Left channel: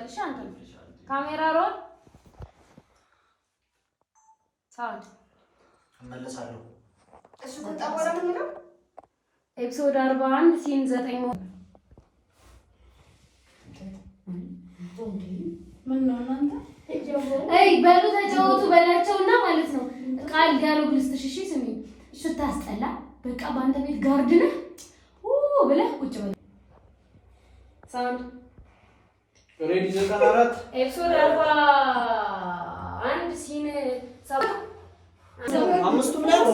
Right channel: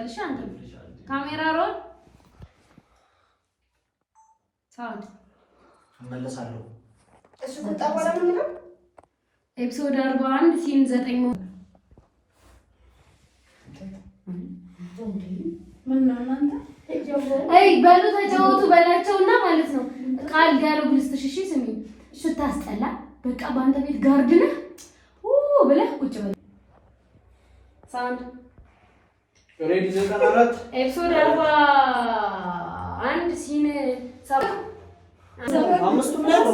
በልሽ አንተ ካሜራ ሮል ሳውንድ መለሳለሁ። እሱ ተጣባራ ነው የሚለው ኤፒሶድ 41 ሲን 9 ነው። ምን ነው እናንተ በሉ ተጫወቱ በላቸውና ማለት ነው። ቃል ዲያሎግ ልስጥሽ። እሺ ስሚ፣ ስታስጠላ በቃ በአንተ ቤት ጋርድ ነህ ብለህ ቁጭ በል። ሳውንድ ሬዲ ዘቀናራት ኤፒሶድ 41 ሲን 7 አምስቱም ላይ ነው።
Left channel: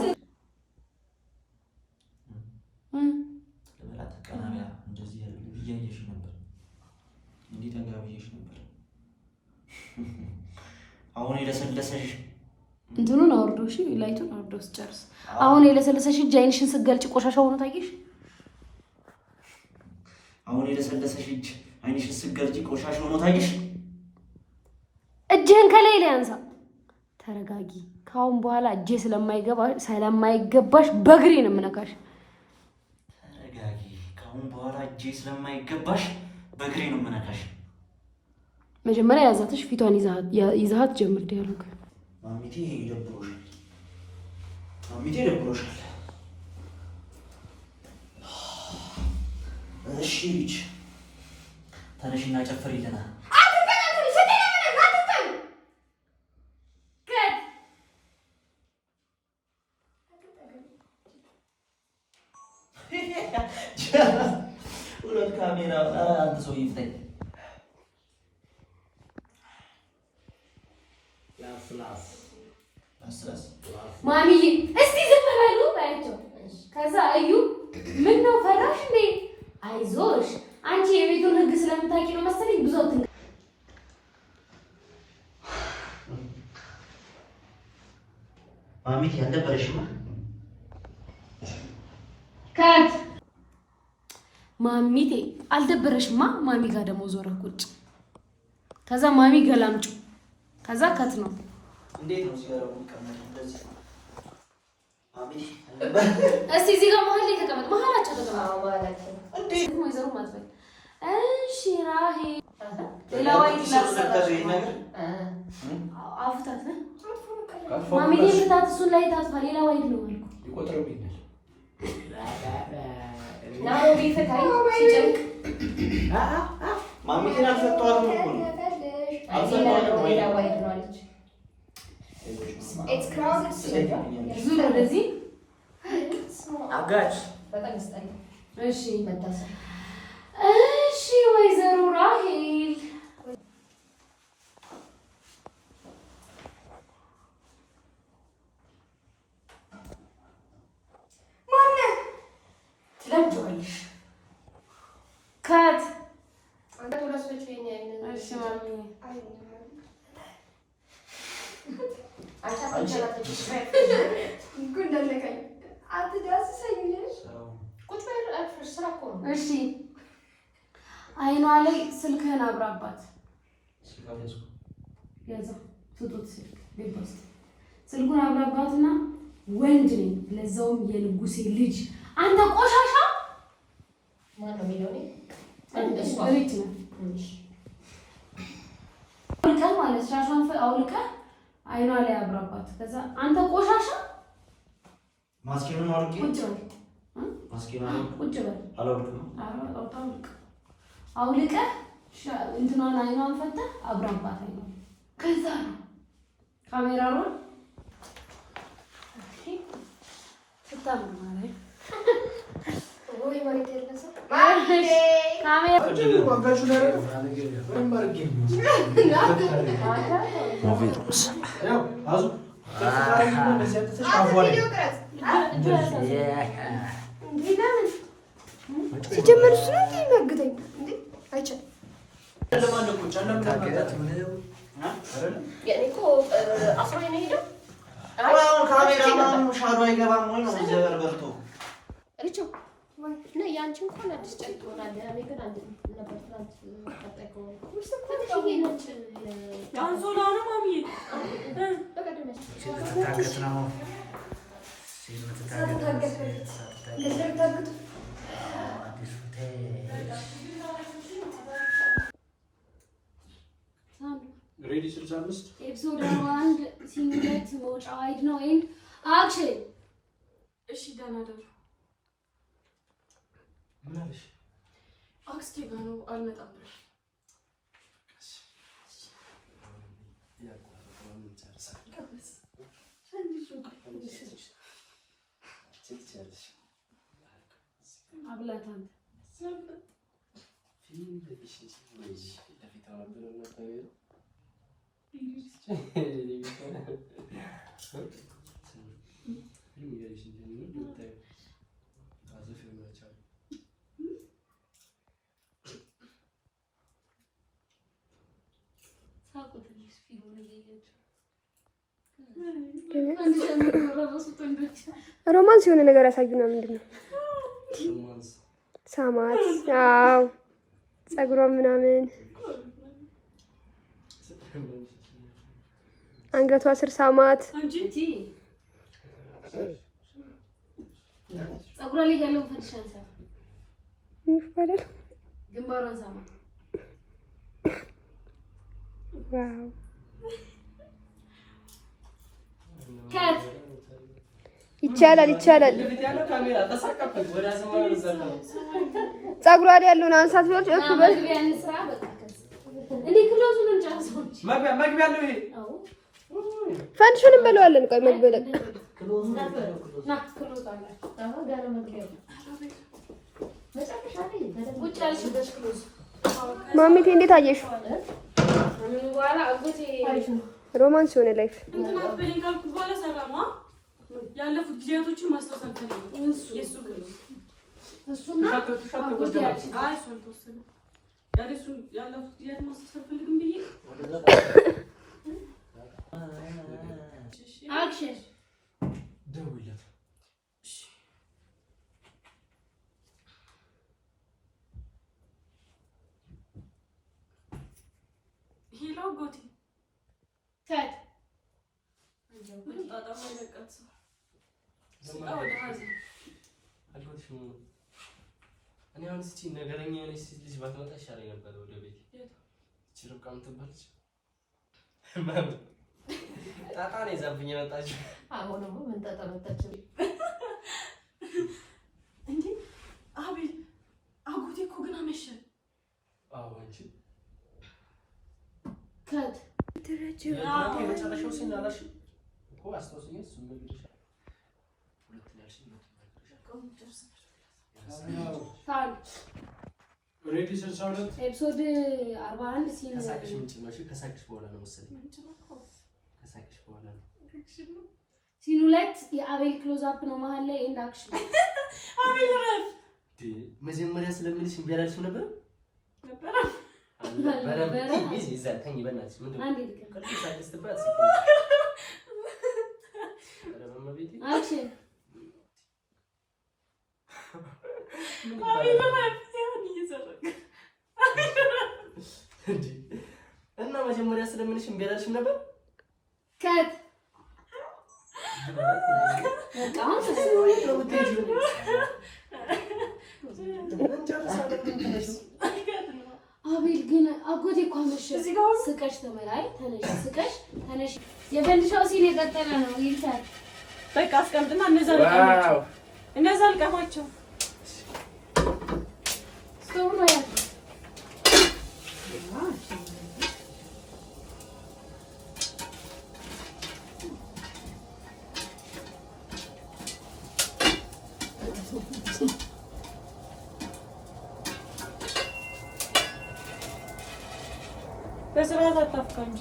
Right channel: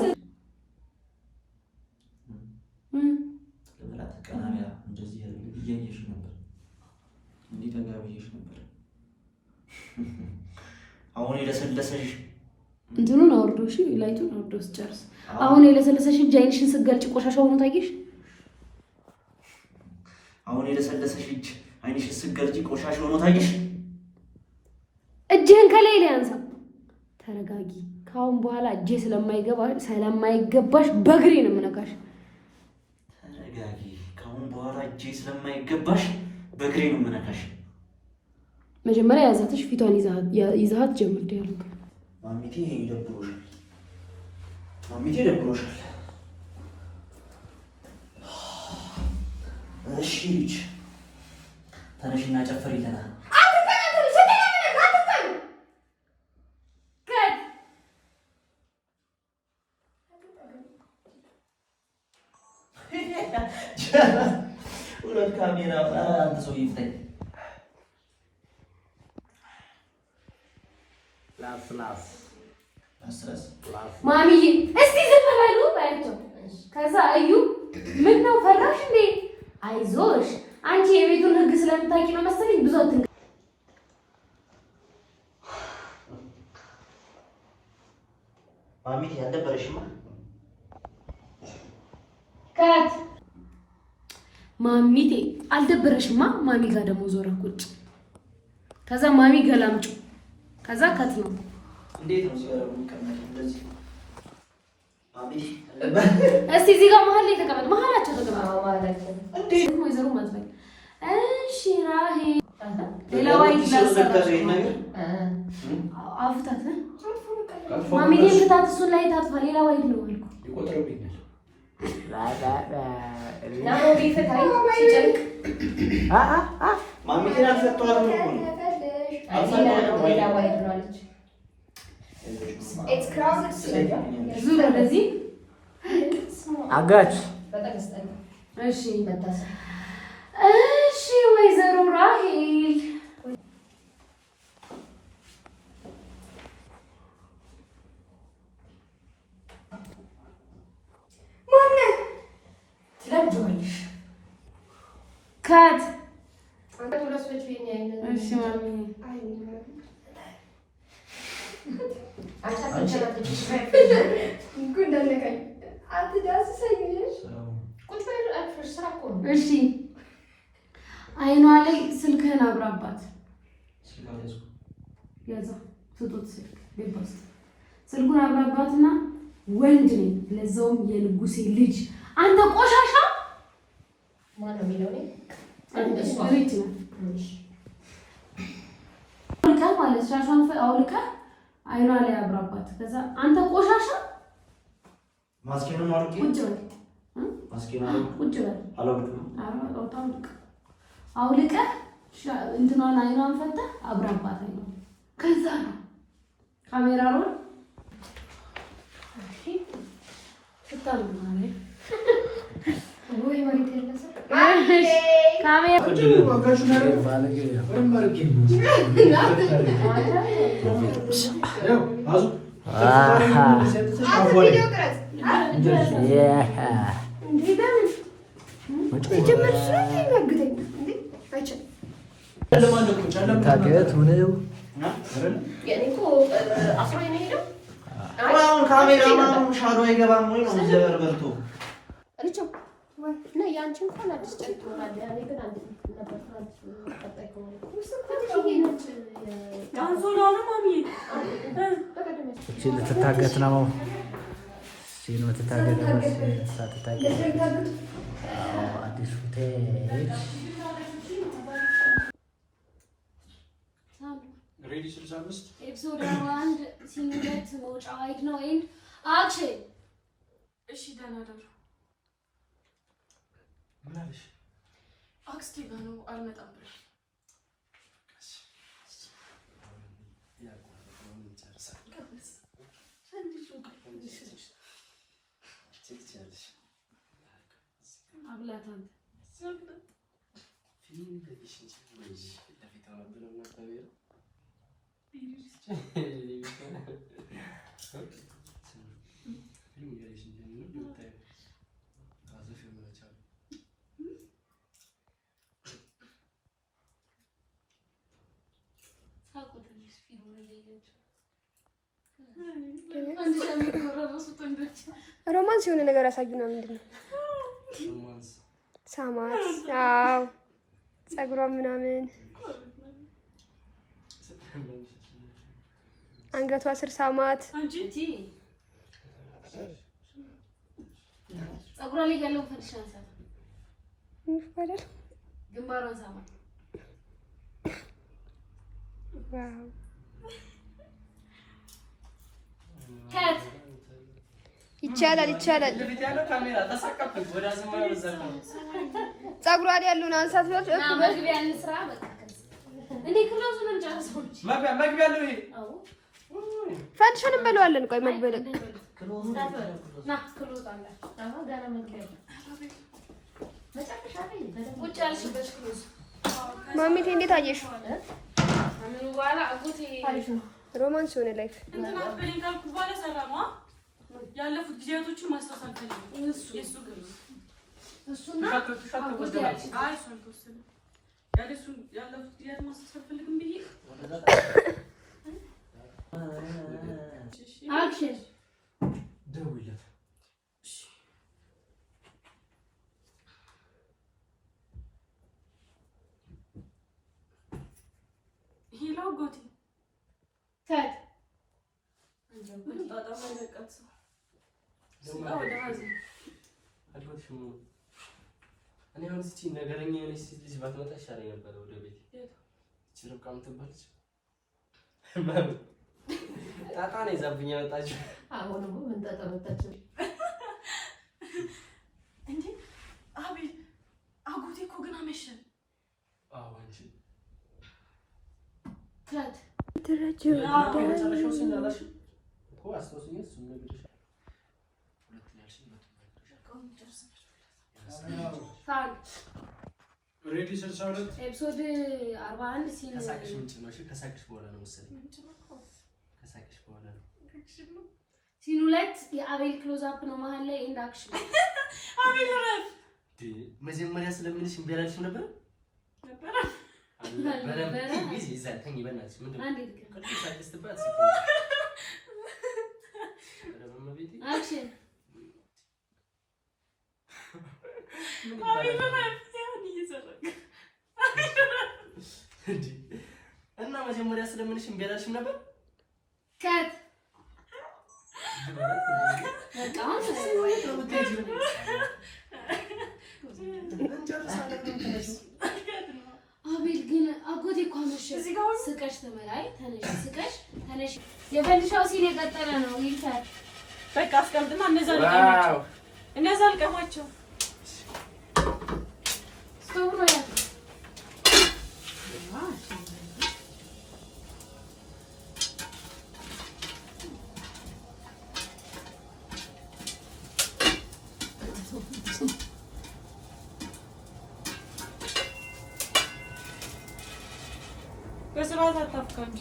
አሁን የለሰለሰሽ እንትኑን አውርዶ እሺ፣ ላይቱን አውርዶ ጨርስ። አሁን የለሰለሰሽ እጅ አይንሽን ስትገልጪ ቆሻሻ ሆኖ ታየሽ። አሁን የለሰለሰሽ እጅ አይንሽን ስትገልጪ ቆሻሻ ሆኖ ታየሽ። እጅህን ከላይ ላይ አንሳ። ተረጋጊ። ካሁን በኋላ እጄ ስለማይገባሽ በእግሬ ነው የምነካሽ። ተረጋጊ። ካሁን በኋላ እጄ ስለማይገባሽ በእግሬ ነው የምነካሽ። መጀመሪያ ያዛትሽ ፊቷን ይዛት ጀምር ዲያሎግ። ማሚቴ ይደብሮሻል። ማሚቴ ይደብሮሻል። እሺ ልጅ ተነሽና ጨፍሪ ይለና ሁለት ካሜራ አንድ ሰው ይፍጠኝ። ማሚዬ እስቲ ዝም በሉ ባያቸው። ከዛ እዩ ምን ነው ፈራሽ እንዴ? አይዞሽ አንቺ የቤቱን ህግ ስለምታውቂ ነው መሰለኝ ብዙ አትንገ ማሚቴ ያልደበረሽማ ከት ማሚቴ አልደበረሽማ። ማሚ ጋር ደግሞ ዞራ ቁጭ። ከዛ ማሚ ገላምጩ። ከዛ ከት ነው እንዴት ነው ሲያረጉ ከመጣ እንደዚህ ማሚቴ እስቲ እዚህ ጋር መሀል ላይ ተቀመጥ። መሀላቸው ተቀመጥ ማለት ነው። እንዴት ነው ወይዘሮ ማለት ነው? እሺ ራሄ ሌላ ዋይት ላሰራሽ አፍታት ነው ማሚቴ ፍታት። እሱን ላይ ታጥፋ። ሌላ ዋይት ነው አልኩ። ይቆጥረውኛል ናው ቢፈታይ ሲጨንቅ ማሚቴ አልፈቷትም እኮ ነው። አልፈቷትም ሌላ ዋይት ነው አለች። It's crowded. ዙር ወደዚህ አጋች እሺ እሺ ወይዘሮ ራሄል ትለምጂዋለሽ። ካት እሺ ማሚ እሺ አይኗ ላይ ስልክህን አብራባት። ያዛ ስጡት ስልክ ቤባስ ስልኩን አብራባትና ወንድ ነኝ ለዛውም የንጉሴ ልጅ አንተ ቆሻሻ ማን ነው የሚለው ነው እንደሱ አለች ነው ማለት ሻሻን አውልቃ አይኗ ላይ አብራባት። ከዛ አንተ ቆሻሻ ማስኪኑን አውልቂ ቁጭ በል ማስኪኑን ቁጭ በል አላውልቅም። አውልቀ እንትኗን አይኗን ፈተህ አብራባት አይኗ። ከዛ ነው ካሜራ ሮል ተታምናለህ ወይ ማለት ነው ካሜራ እና ያንቺ እንኳን አዲስ ጨርቅ ይሆናል። እኔ ግን አንድ ነበር ተጠቅቆ ልትታገት ነው። 65 ኤፒሶድ 1 ሲሙሌት መውጫ ዋይድ ነው ኤንድ አክሽን። እሺ ደህና ደሩ። ምን አለሽ? አክስቴ ጋር ነው አልመጣም ብለሽ አብላታን ሮማንስ የሆነ ነገር ያሳዩና ምንድን ነው? ሳማት። አዎ ፀጉሯ ምናምን አንገቷ ስር ሳማት። ፀጉሯ ላይ ያለውን ፈንድሻ አንሳት። ይፈረድ ግንባሯን ሳማት። ዋው ካት ይቻላል። ፀጉሯ ላይ ያለውን አንሳት ነው። መግቢያ እንስራ በቃ እንዴ ክሎዙን እንጨርሰው። መግቢያ ነው ይሄ። አዎ ፈንድሽንም በለዋለን። ቆይ መግቢያ ላይ ና ክሎዝ አለ። አሁን ገና መግቢያ መጨረሻ ላይ ቁጭ ያልሽበት ክሎዝ ማሚቴ እንዴት አየሽው? ምን በኋላ አጎቴ ሮማንስ የሆነ ላይፍ እንትና በሌላ ካልኩ በኋላ ሰላማ ያለፉት ጊዜያቶችን ማስታወስ አልፈልግም። የሱ ግን እሱና አጎቴ ያልሽ አይ እሱ አልተወሰነ ያለፉት ጊዜያት ማስታወስ አልፈልግም ብዬ አክሽን ደውይለት። ሄሎ ጎቴ ካት በጣም አለቀት ወደ ሀዘን አልወጥሽም። እኔ አሁን እስኪ ነገረኛ የሆነች ሴት ልጅ ባትመጣ ይሻለኝ ነበር ወደ ቤት። እቺ ርብቃ የምትባል ልጅ ጣጣ ነው ይዛብኝ የመጣችው። አሁንም ምን ጣጣ መጣች እንዴ? አቤል አጎቴ እኮ ግን አመሸ። አዎ አንቺ ካት መጨረሻው ሲናላሽ እኮ አስታውስኝ። እሱ ነግሬሻለሁ። ሁለት ያልሽኝ ሬዲ 62 ኤፒሶድ 41 ሲን ከሳቅሽ ምንጭ ነው። እሺ ከሳቅሽ በኋላ ነው መሰለኝ። ከሳቅሽ በኋላ ነው። ሲን 2 የአቤል ክሎዝ አፕ ነው መሀል ላይ ኤንድ አክሽን። አቤል ረፍ መጀመሪያ ስለምልሽ እምቢ አላልሽም ነበር? በረም ጊዜ ይዛል ተኝ በእናትሽ ምንድን ነው? አንዴ ልክ ሳቅሽ ትባል አክሽን አቤል ረፍ ሲሆን እየሰረቀ እና መጀመሪያ ስለምልሽ እምቢ አላልሽም ነበር? ካት በጣም አቤል ግን አጎቴ እኮ አመሸ። ስቀሽ ተመላይ ተነሽ፣ ስቀሽ ተነሽ። የፈንድሻው ሲል የቀጠለ ነው ይልታል። በቃ አስቀምጥና እነዛ አልቀማቸው ስቶቭ ነው ያለው። በስርዓት አታፍቃ እንጂ